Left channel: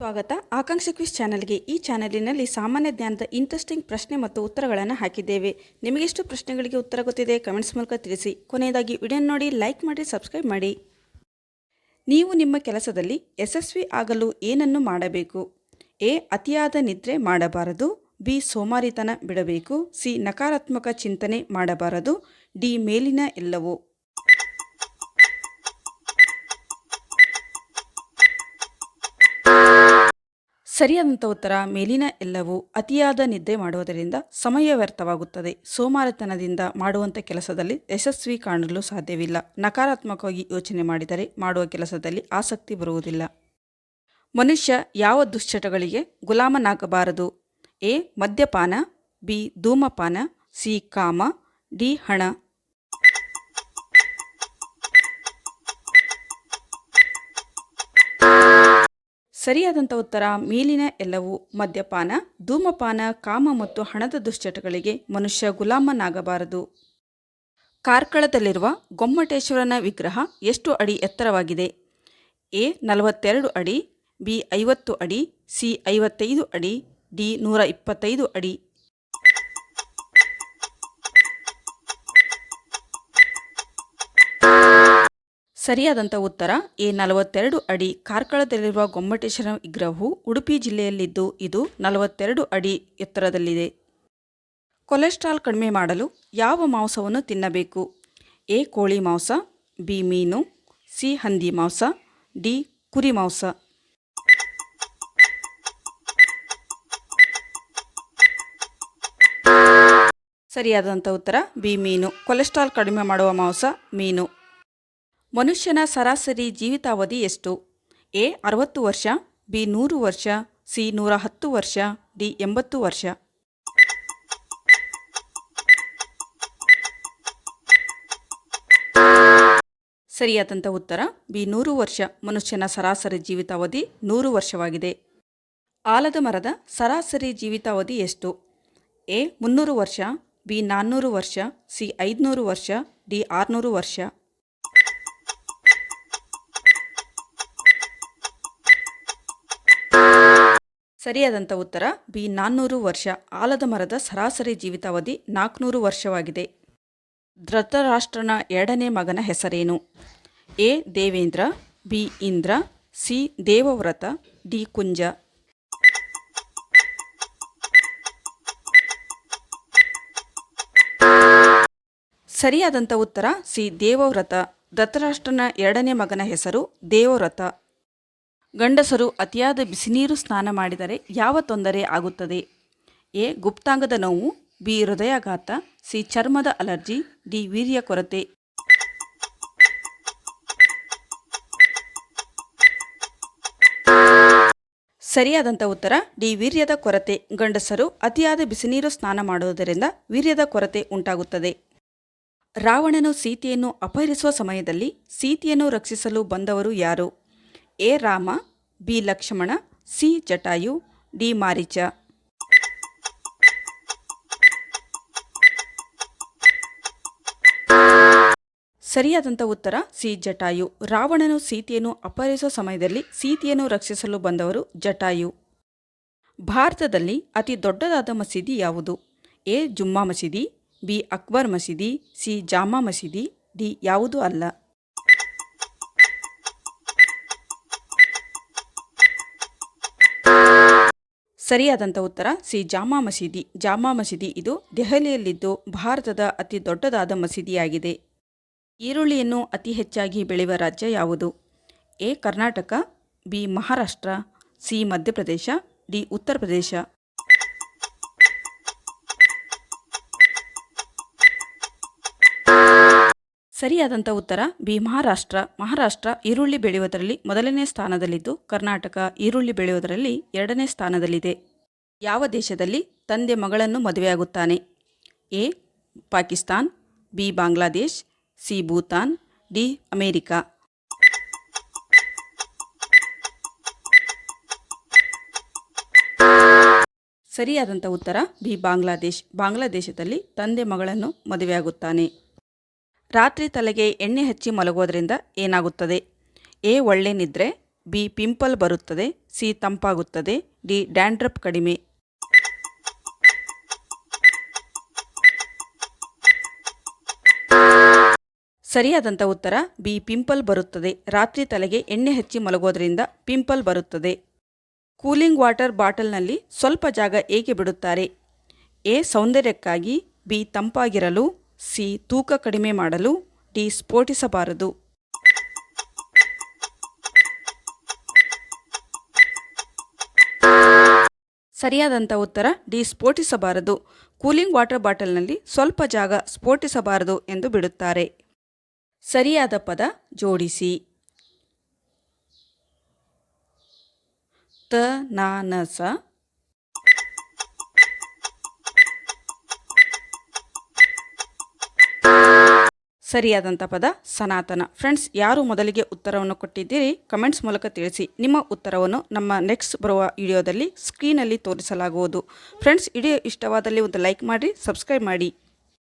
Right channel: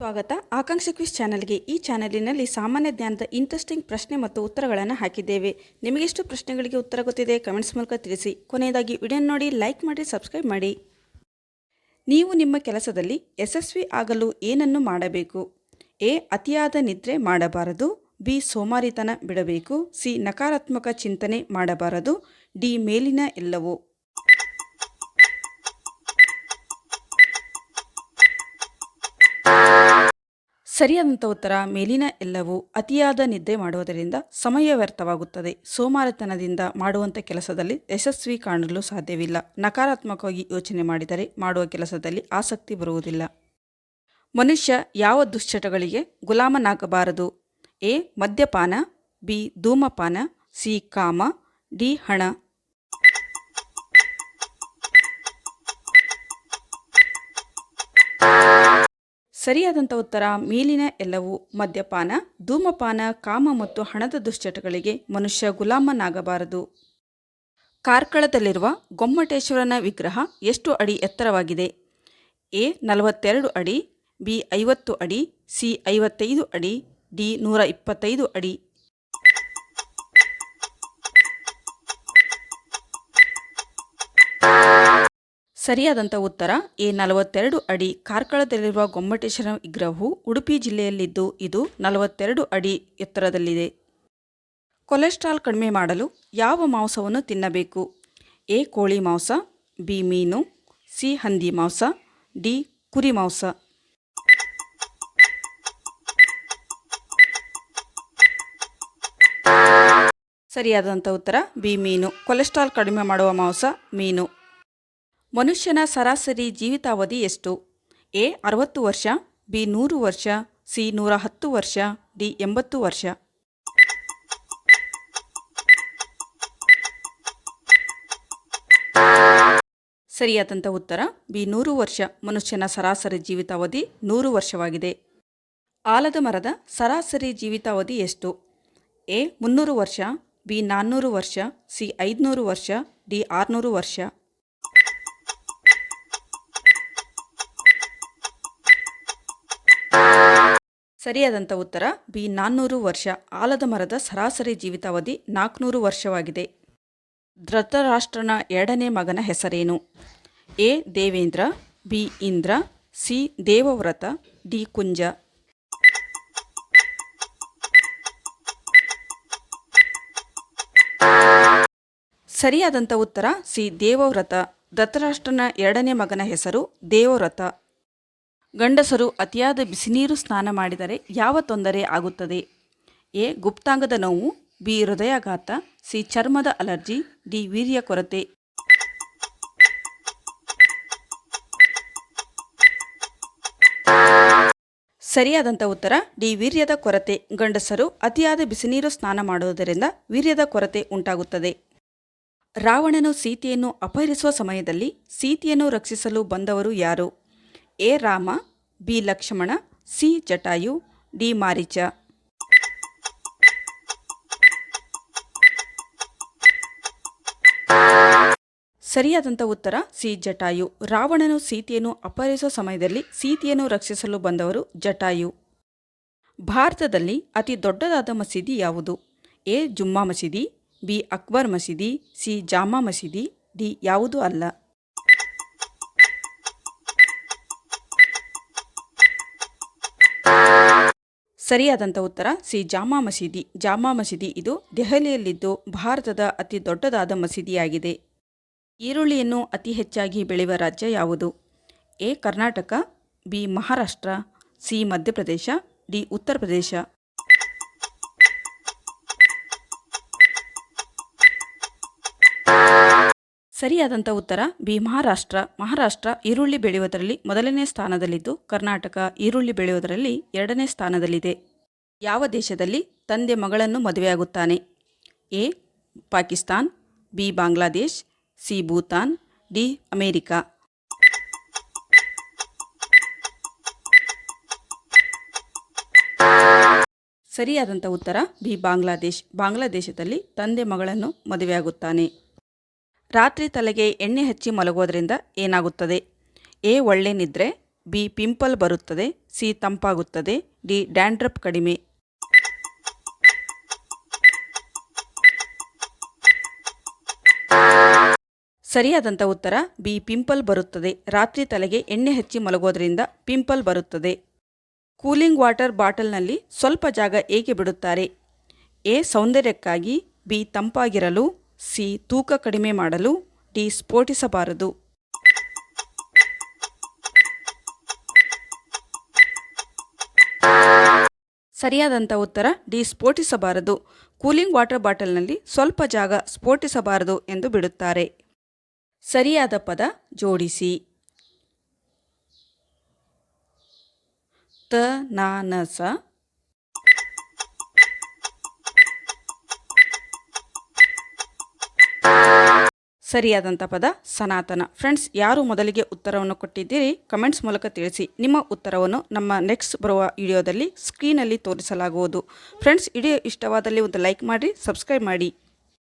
ಸ್ವಾಗತ ಆಕಾಂಕ್ಷಿ ಕ್ವಿಜ್ ಚಾನೆಲ್ಗೆ. ಈ ಚಾನೆಲಿನಲ್ಲಿ ಸಾಮಾನ್ಯ ಜ್ಞಾನದ ಇಂಟ್ರೆಸ್ಟಿಂಗ್ ಪ್ರಶ್ನೆ ಮತ್ತು ಉತ್ತರಗಳನ್ನು ಹಾಕಿದ್ದೇವೆ. ನಿಮಗೆಷ್ಟು ಪ್ರಶ್ನೆಗಳಿಗೆ ಉತ್ತರ ಗೊತ್ತಿದೆ ಕಮೆಂಟ್ಸ್ ಮೂಲಕ ತಿಳಿಸಿ. ಕೊನೆಯದಾಗಿ ವಿಡಿಯೋ ನೋಡಿ, ಲೈಕ್ ಮಾಡಿ, ಸಬ್ಸ್ಕ್ರೈಬ್ ಮಾಡಿ. ನೀವು ನಿಮ್ಮ ಕೆಲಸದಲ್ಲಿ ಯಶಸ್ವಿ ಆಗಲು ಏನನ್ನು ಮಾಡಬೇಕು? ಎ. ಅತಿಯಾದ ನಿದ್ರೆ ಮಾಡಬಾರದು. ಬಿ. ಸೋಮಾರಿತನ ಬಿಡಬೇಕು. ಸಿ. ನಕಾರಾತ್ಮಕ ಚಿಂತನೆ ಮಾಡಬಾರದು. ಡಿ. ಮೇಲಿನ ಎಲ್ಲವೂ. ಸರಿಯಾದಂಥ ಉತ್ತರ ಮೇಲಿನ ಎಲ್ಲವೂ. ಅತಿಯಾದ ನಿದ್ದೆ ಮಾಡುವುದರಿಂದ ಸಮಯ ವ್ಯರ್ಥವಾಗುತ್ತದೆ. ಸೋಮಾರಿತನದಿಂದ ಮಾಡುವಂಥ ಕೆಲಸದಲ್ಲಿ ಯಶಸ್ವಿ ಕಾಣಲು ಸಾಧ್ಯವಿಲ್ಲ. ನಕಾರಾತ್ಮಕವಾಗಿ ಯೋಚನೆ ಮಾಡಿದರೆ ಮಾಡುವ ಕೆಲಸದಲ್ಲಿ ಆಸಕ್ತಿ ಬರುವುದಿಲ್ಲ. ಮನುಷ್ಯ ಯಾವ ದುಶ್ಚಟಗಳಿಗೆ ಗುಲಾಮನಾಗಬಾರದು? ಎ. ಮದ್ಯಪಾನ. ಬಿ. ಧೂಮಪಾನ. ಸಿ. ಕಾಮ. ಡಿ. ಹಣ. ಸರಿಯಾದಂಥ ಉತ್ತರ ಮೇಲಿನ ಎಲ್ಲವೂ. ಮದ್ಯಪಾನ, ಧೂಮಪಾನ, ಕಾಮ ಮತ್ತು ಹಣದ ದುಶ್ಚಟಗಳಿಗೆ ಮನುಷ್ಯ ಗುಲಾಮನಾಗಬಾರದು. ಕಾರ್ಕಳದಲ್ಲಿರುವ ಗೊಮ್ಮಟೇಶ್ವರನ ವಿಗ್ರಹ ಎಷ್ಟು ಅಡಿ ಎತ್ತರವಾಗಿದೆ? ಎ. 42 ಅಡಿ. ಬಿ. 50 ಅಡಿ. ಸಿ. 55 ಅಡಿ. ಡಿ. 125 ಅಡಿ. ಸರಿಯಾದಂಥ ಉತ್ತರ ಎ. 42 ಅಡಿ. ಕಾರ್ಕಳದಲ್ಲಿರುವ ಗೊಮ್ಮಟೇಶ್ವರ ವಿಗ್ರಹವು ಉಡುಪಿ ಜಿಲ್ಲೆಯಲ್ಲಿದ್ದು ಇದು 42 ಅಡಿ ಎತ್ತರದಲ್ಲಿದೆ. ಕೊಲೆಸ್ಟ್ರಾಲ್ ಕಡಿಮೆ ಮಾಡಲು ಯಾವ ಮಾಂಸವನ್ನು ತಿನ್ನಬೇಕು? ಎ. ಕೋಳಿ ಮಾಂಸ. ಬಿ. ಮೀನು. ಸಿ. ಹಂದಿ ಮಾಂಸ. ಡಿ. ಕುರಿ ಮಾಂಸ. ಸರಿಯಾದಂಥ ಉತ್ತರ ಬಿ. ಮೀನು. ಕೊಲೆಸ್ಟ್ರಾಲ್ ಕಡಿಮೆ ಮಾಡುವ ಮಾಂಸ ಮೀನು. ಮನುಷ್ಯನ ಸರಾಸರಿ ಜೀವಿತಾವಧಿ ಎಷ್ಟು? ಎ. 60 ವರ್ಷ. ಬಿ. 100 ವರ್ಷ. ಸಿ. 110 ವರ್ಷ. ಡಿ. 80 ವರ್ಷ. ಸರಿಯಾದಂಥ ಉತ್ತರ ಬಿ. 100 ವರ್ಷ. ಮನುಷ್ಯನ ಸರಾಸರಿ ಜೀವಿತಾವಧಿ 100 ವರ್ಷವಾಗಿದೆ. ಆಲದ ಮರದ ಸರಾಸರಿ ಜೀವಿತಾವಧಿ ಎಷ್ಟು? ಎ. 300 ವರ್ಷ. ಬಿ. 400 ವರ್ಷ. ಸಿ. 500 ವರ್ಷ. ಡಿ. 600 ವರ್ಷ. ಸರಿಯಾದಂಥ ಉತ್ತರ ಬಿ. 400 ವರ್ಷ. ಆಲದ ಮರದ ಸರಾಸರಿ ಜೀವಿತಾವಧಿ 400 ವರ್ಷವಾಗಿದೆ. ಧೃತರಾಷ್ಟ್ರನ ಎರಡನೇ ಮಗನ ಹೆಸರೇನು? A. Devendra. B. Indra. C. Devavrata. D. Kunja. ಸರಿಯಾದಂಥ ಉತ್ತರ ಸಿ. ದೇವವ್ರತ. ಧೃತರಾಷ್ಟ್ರನ ಎರಡನೇ ಮಗನ ಹೆಸರು ದೇವವ್ರತ. ಗಂಡಸರು ಅತಿಯಾದ ಬಿಸಿನೀರು ಸ್ನಾನ ಮಾಡಿದರೆ ಯಾವ ತೊಂದರೆ ಆಗುತ್ತದೆ? ಎ. ಗುಪ್ತಾಂಗದ ನೋವು. ಬಿ. ಹೃದಯಾಘಾತ. ಸಿ. ಚರ್ಮದ ಅಲರ್ಜಿ. ಡಿ. ವೀರ್ಯ ಕೊರತೆ. ಸರಿಯಾದಂಥ ಉತ್ತರ ಡಿ. ವೀರ್ಯದ ಕೊರತೆ. ಗಂಡಸರು ಅತಿಯಾದ ಬಿಸಿನೀರು ಸ್ನಾನ ಮಾಡುವುದರಿಂದ ವೀರ್ಯದ ಕೊರತೆ ಉಂಟಾಗುತ್ತದೆ. ರಾವಣನು ಸೀತೆಯನ್ನು ಅಪಹರಿಸುವ ಸಮಯದಲ್ಲಿ ಸೀತೆಯನ್ನು ರಕ್ಷಿಸಲು ಬಂದವರು ಯಾರು? A. Rama. B. Lakshmana. C. Jatayu. D. Maricha. ಸರಿಯಾದಂಥ ಉತ್ತರ ಸಿ. ಜಟಾಯು. ರಾವಣನು ಸೀತೆಯನ್ನು ಅಪಹರಿಸುವ ಸಮಯದಲ್ಲಿ ಸೀತೆಯನ್ನು ರಕ್ಷಿಸಲು ಬಂದವರು ಜಟಾಯು. ಭಾರತದಲ್ಲಿ ಅತಿ ದೊಡ್ಡದಾದ ಮಸೀದಿ ಯಾವುದು? ಎ. ಜುಮ್ಮಾ ಮಸೀದಿ. ಬಿ. ಅಕ್ಬರ್ ಮಸೀದಿ. ಸಿ. ಜಾಮಾ ಮಸೀದಿ. ಡಿ. ಯಾವುದೂ ಅಲ್ಲ. ಸರಿಯಾದಂಥ ಉತ್ತರ ಸಿ. ಜಾಮಾ ಮಸೀದಿ. ಜಾಮಾ ಮಸೀದಿ ಇದು ದೆಹಲಿಯಲ್ಲಿದ್ದು ಭಾರತದ ಅತಿ ದೊಡ್ಡದಾದ ಮಸೀದಿಯಾಗಿದೆ. ಈರುಳ್ಳಿಯನ್ನು ಅತಿ ಹೆಚ್ಚಾಗಿ ಬೆಳೆಯುವ ರಾಜ್ಯ ಯಾವುದು? A. Karnataka. B. Maharashtra. C. Madhya Pradesh. D. Uttar Pradesh. ಸರಿಯಾದಂಥ ಉತ್ತರ ಬಿ. ಮಹಾರಾಷ್ಟ್ರ. ಮಹಾರಾಷ್ಟ್ರ ಈರುಳ್ಳಿ ಬೆಳೆಯುವುದರಲ್ಲಿ ಮೊದಲನೇ ಸ್ಥಾನದಲ್ಲಿದ್ದು ಕರ್ನಾಟಕ ಈರುಳ್ಳಿ ಬೆಳೆಯುವುದರಲ್ಲಿ ಎರಡನೇ ಸ್ಥಾನದಲ್ಲಿದೆ. ಯಾವ ದೇಶದಲ್ಲಿ ತಂದೆ ಮಗಳನ್ನು ಮದುವೆಯಾಗುತ್ತಾನೆ? A. Pakistan. B. Bangladesh. C. Bhutan. D. America. ಸರಿಯಾದಂಥ ಉತ್ತರ ಬಿ. ಬಾಂಗ್ಲಾದೇಶ್. ಬಾಂಗ್ಲಾದೇಶದಲ್ಲಿ ತಂದೆ ಮಗಳನ್ನು ಮದುವೆಯಾಗುತ್ತಾನೆ. ರಾತ್ರಿ ತಲೆಗೆ ಎಣ್ಣೆ ಹಚ್ಚಿ ಮಲಗೋದ್ರಿಂದ ಏನಾಗುತ್ತದೆ? ಎ. ಒಳ್ಳೆ ನಿದ್ರೆ. ಬಿ ಪಿಂಪಲ್ ಬರುತ್ತದೆ, ಸಿ ತಂಪಾಗುತ್ತದೆ, ಡಿ ಡ್ಯಾಂಡ್ರಫ್ ಕಡಿಮೆ. ಸರಿಯಾದಂಥ ಉತ್ತರ ಬಿ ಪಿಂಪಲ್ ಬರುತ್ತದೆ. ರಾತ್ರಿ ತಲೆಗೆ ಎಣ್ಣೆ ಹಚ್ಚಿ ಮಲಗೋದ್ರಿಂದ ಪಿಂಪಲ್ ಬರುತ್ತದೆ. ಕೂಲಿಂಗ್ ವಾಟರ್ ಬಾಟಲ್ನಲ್ಲಿ ಸ್ವಲ್ಪ ಜಾಗ ಏಕೆ ಬಿಡುತ್ತಾರೆ? ಎ ಸೌಂದರ್ಯಕ್ಕಾಗಿ, ಬಿ ತಂಪಾಗಿರಲು, ಸಿ ತೂಕ ಕಡಿಮೆ ಮಾಡಲು, ಡಿ ಸ್ಫೋಟಿಸಬಾರದು. ಸರಿಯಾದಂಥ ಉತ್ತರ ಡಿ ಸ್ಫೋಟಿಸಬಾರದು. ಕೂಲಿಂಗ್ ವಾಟರ್ ಬಾಟಲ್ನಲ್ಲಿ ಸ್ವಲ್ಪ ಜಾಗ ಸ್ಫೋಟಿಸಬಾರದು ಎಂದು ಬಿಡುತ್ತಾರೆ. ಸರಿಯಾದ ಪದ ಜೋಡಿಸಿ. ತ ನ ನ ಸ, ಸರಿಯಾದಂಥ ಪದ ಸನಾತನ. ಫ್ರೆಂಡ್ಸ್, ಯಾರು ಮೊದಲಿಗೆ ಉತ್ತರವನ್ನು ಕೊಟ್ಟಿದ್ದೀರಿ ಕಮೆಂಟ್ಸ್ ಮೂಲಕ ತಿಳಿಸಿ. ನಿಮ್ಮ ಉತ್ತರವನ್ನು ನಮ್ಮ ನೆಕ್ಸ್ಟ್ ಬರುವ ವಿಡಿಯೋದಲ್ಲಿ ಸ್ಕ್ರೀನಲ್ಲಿ ತೋರಿಸಲಾಗುವುದು. ಫ್ರೆಂಡ್ಸ್, ವಿಡಿಯೋ ಇಷ್ಟವಾದಲ್ಲಿ ಒಂದು ಲೈಕ್ ಮಾಡಿ, ಸಬ್ಸ್ಕ್ರೈಬ್ ಮಾಡಿ.